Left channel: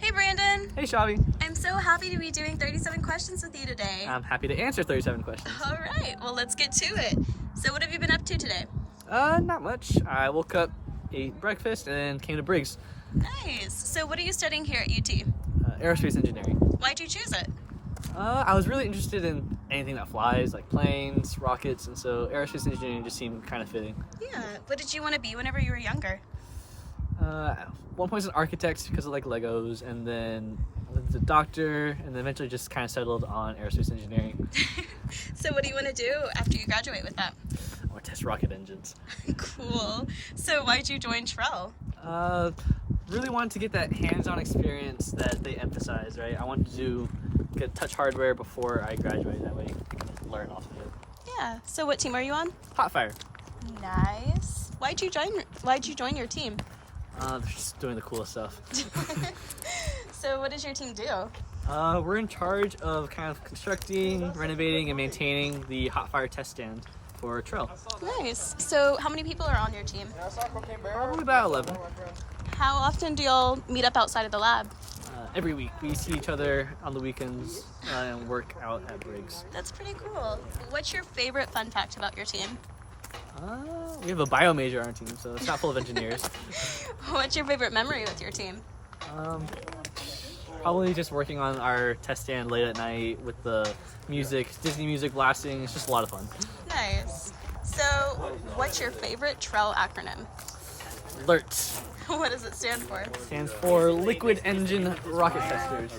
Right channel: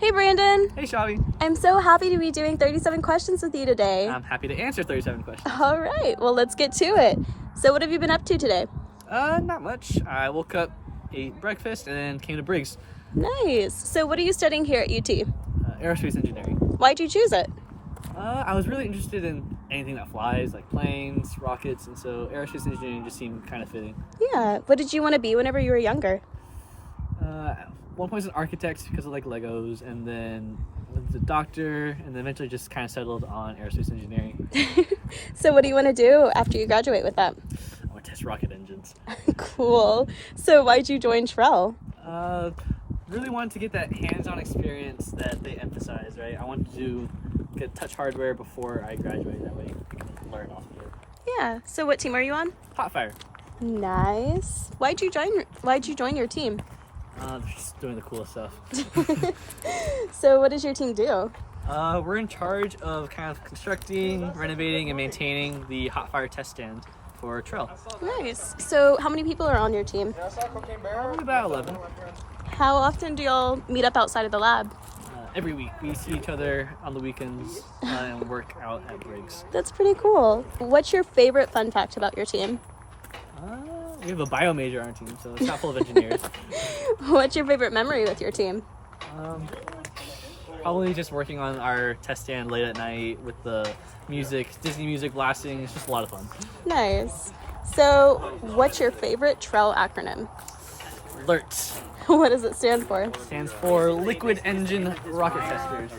Hey Brandon! Hey Shavi! I'm so happy to be doing 37 questions with you today. I'm happy to answer 37 questions. All right, well let's get to it. So what have you been up to today? Not much. I woke up, ate breakfast, and then came to Briggs. Nice. So what are you studying here at UT? Aerospace engineering. Why'd you choose it? I was really interested in anything that flies, like planes, rockets, and so aerospace engineering just seemed kind of fitting. Yeah. What did you want to be whenever you were younger? One point was an architect because I like Legos, and then I was a doctor, and then eventually just kind of settled on aerospace engineering. So what do you want to do after you graduate with that? I want to test rocket engines. Cool. So why'd you join TREL? Really wanted to get that hands-on experience that they emphasize, right? I wanted to get touch hardware before I graduate, that way I can learn off of it. Yeah. So what team are you on? Hotfire. Nice. Why'd you join your team? They're just doing the coolest stuff. So what does your team do? We're in charge of kind of constructing, renovating, and maintaining the Hotfire test stand for TREL. Nice. So how many people are on your team? Probably about 11. How often do y'all meet up outside of the lab? Every week. We see each other on the weekends and work out at Briggs. That's pretty cool. What's your favorite fun fact about your team? We have a bio major on our team, so it's not full of engineers. What's your favorite memory with your team? Probably just working on our test stand late at night with the music, Disney music blasting. It's just a lot of fun. Nice. So what's your favorite TREL acronym? LERT. What does it stand for? Stands for Liquid Engine Rocket Testers.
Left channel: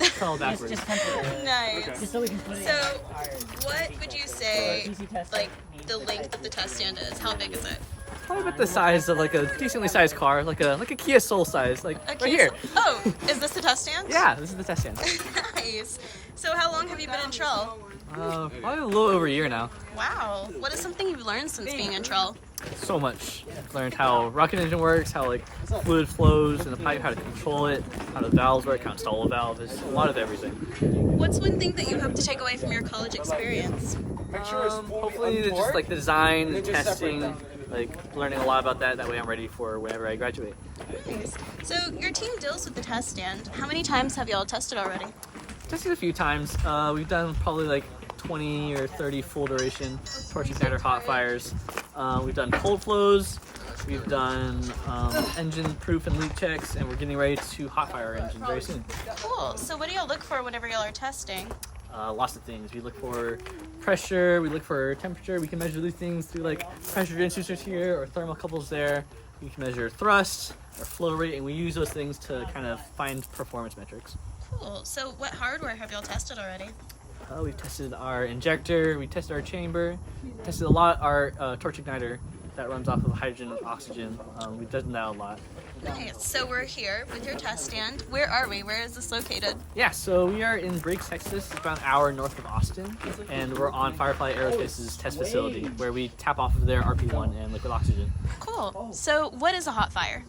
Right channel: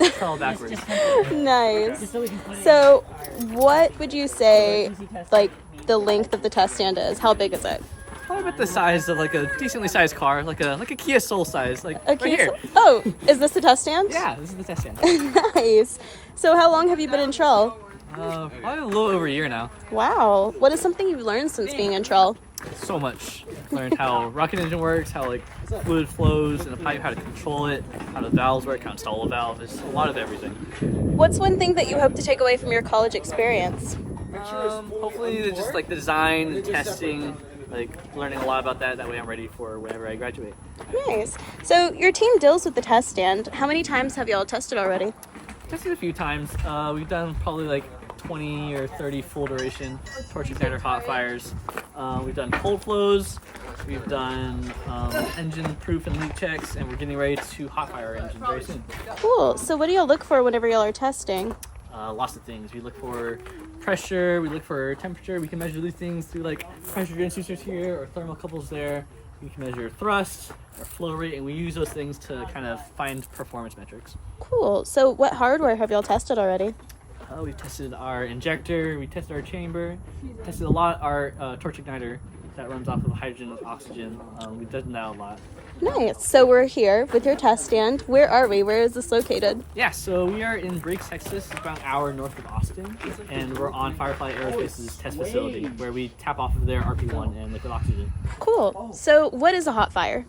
It's all backwards. Nice. So what would you say like the length of the test stand is? How big is it? Probably about the size of like a decently sized car, like a Kia Soul size, like right here. Oh, is this the test stand? Yeah, this is the test stand. Nice. So how long have you been in TREL? Probably a little over a year now. Wow. What is something you've learned since being in TREL? So much. Learned how rocket engine works, how like fluid flows in a pipe, how to control it, how the valves work, how to install a valve. There's a lot of everything. What's one thing that you hope to take away from your college experience? Hopefully just like the design, the testing, like learning a lot about that. That way I'm ready for whenever I graduate. Nice. So your team deals with the test stand. How many times have y'all tested already? Tested a few times. We've done probably like 20 or 30 full duration torch igniter hot fires. We've done cold flows. We've done engine proof and leak checks, and we're getting ready to hot fire our engine very soon. Cool. So what do y'all look for whenever y'all are testing? Lots of things. We look for pressure, we look for temperature. We can measure these things through like pressure transducers here or thermocouples there. We can measure thrust or flow rate, and we use those things to kind of find performance metrics. Cool. So what hardware have y'all tested already? We've tested our injector, we tested our chamber, tested a lot our torch igniter that runs off of hydrogen and oxygen. We've done that a lot. Nice. So we're here with your test stand. Where are we? Where is this located? Yeah, so we are in Briggs, Texas. It's about an hour north of Austin, and we're on Firefly Aerospace's test facility where we tap off of their RP1 and liquid oxygen. Cool. So what is a hot fire?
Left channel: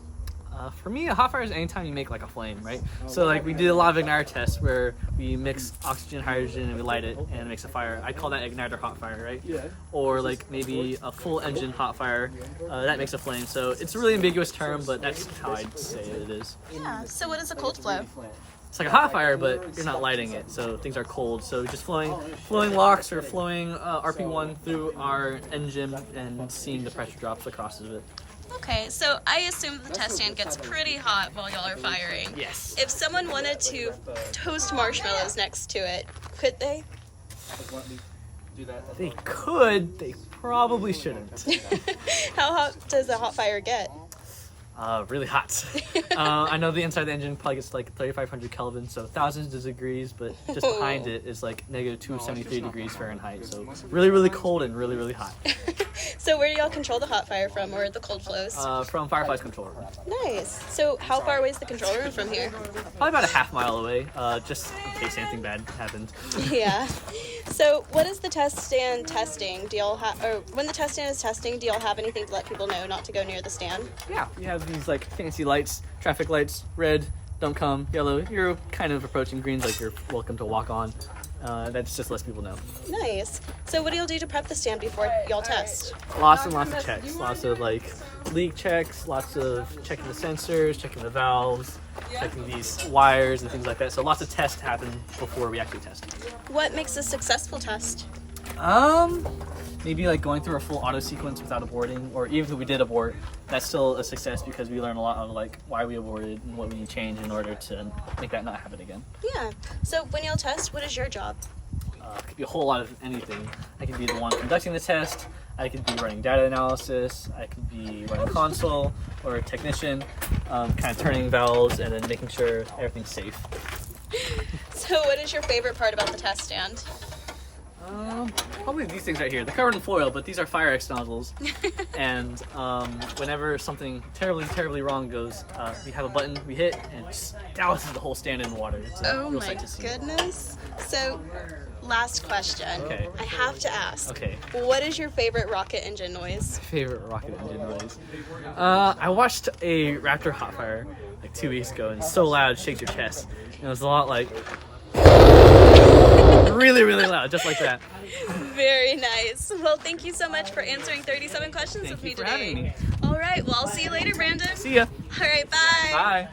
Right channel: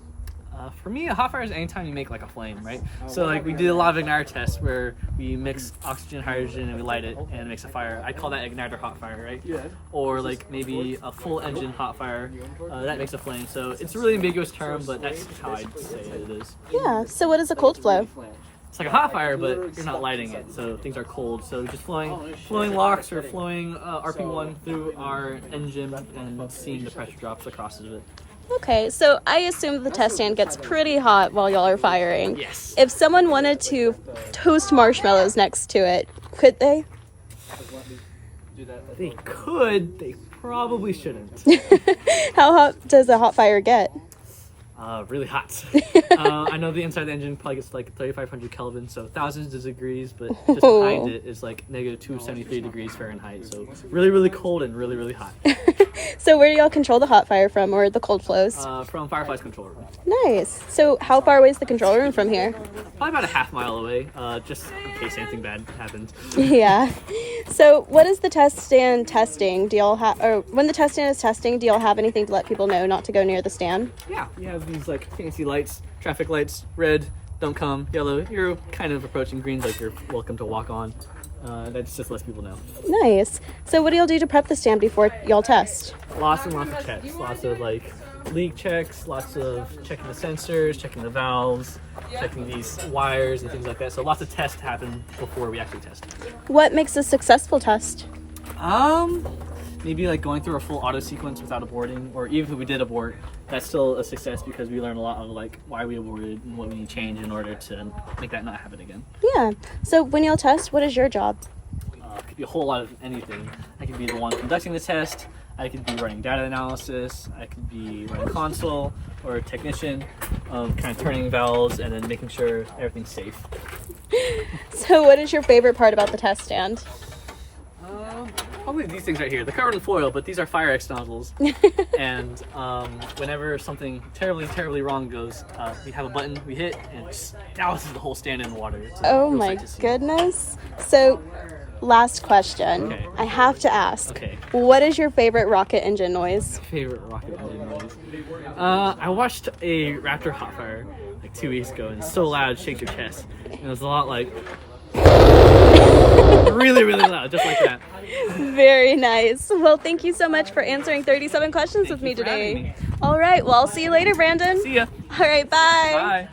For me, a hot fire is anytime you make like a flame, right? So like we did a lot of igniter tests where we mix oxygen, hydrogen, and we light it, and it makes a fire. I call that igniter hot fire, right? Or like maybe a full engine hot fire, that makes a flame. So it's a really ambiguous term, but that's how I'd say it is. Yeah. So what is a cold flow? It's like a hot fire, but you're not lighting it, so things are cold. So just flowing LOX or flowing RP1 through our engine and seeing the pressure drops across of it. Okay, so I assume the test stand gets pretty hot while y'all are firing. Yes. If someone wanted to toast marshmallows next to it, could they? They could, they probably shouldn't. How hot does a hot fire get? Really hot. I know the inside of the engine probably gets like 3,500 Kelvin, so thousands of degrees, but just behind it is like negative 273 degrees Fahrenheit. So really, really cold and really, really hot. So where do y'all control the hot fire from, or the cold flows? From Firefly's control room. Nice. So how far away is the control room from here? Probably about a half mile away, just in case anything bad happens. Yeah. So what is the test stand testing? Do y'all have, or when the test stand is testing, do y'all have anything to let people know not to go near the stand? Yeah, we have these like fancy lights, traffic lights, red, don't come, yellow, you're kind of approaching, green's like you're welcome to walk on. That's just lets people know. Nice. So what do y'all do to prep the stand before y'all test? Lots and lots of checks, lots of like leak checks, lots of checking the sensors, checking the valves, checking these wires and things like that. So lots of tests happen before we actually test. What makes a successful test? Maybe like going through a full auto sequence without aborting, or even if we did abort, that's still a success because we learn a lot of like why we aborted and what we need to change in order to make that not happen again. Yeah. So when you'll test, what is your job? It could be a whole lot of anything. I could be the one conducting the test, I could be running data analysis, I could be running console or a technician, kind of turning valves and then making sure everything's safe. So what is your favorite part about the test stand? Probably these things right here. They're covered in foil, but these are fire X nozzles. And whenever something terribly wrong goes, we have a button we hit and it just douses the whole stand in water. It's a Oh real my sight to see. goodness. So last question. Okay. I have to ask. Okay. What is your favorite rocket engine noise? Favorite rocket engine noise? I watched a Raptor Hotfire like 2 weeks ago, and it's so loud it shakes your chest. And it was a lot like really loud, just like that. Very nice. Well, thank you so much for answering 37 questions Thank with me you for today. having me. All right. Well, I'll see you later, Brandon. See ya. All right. Bye. Bye.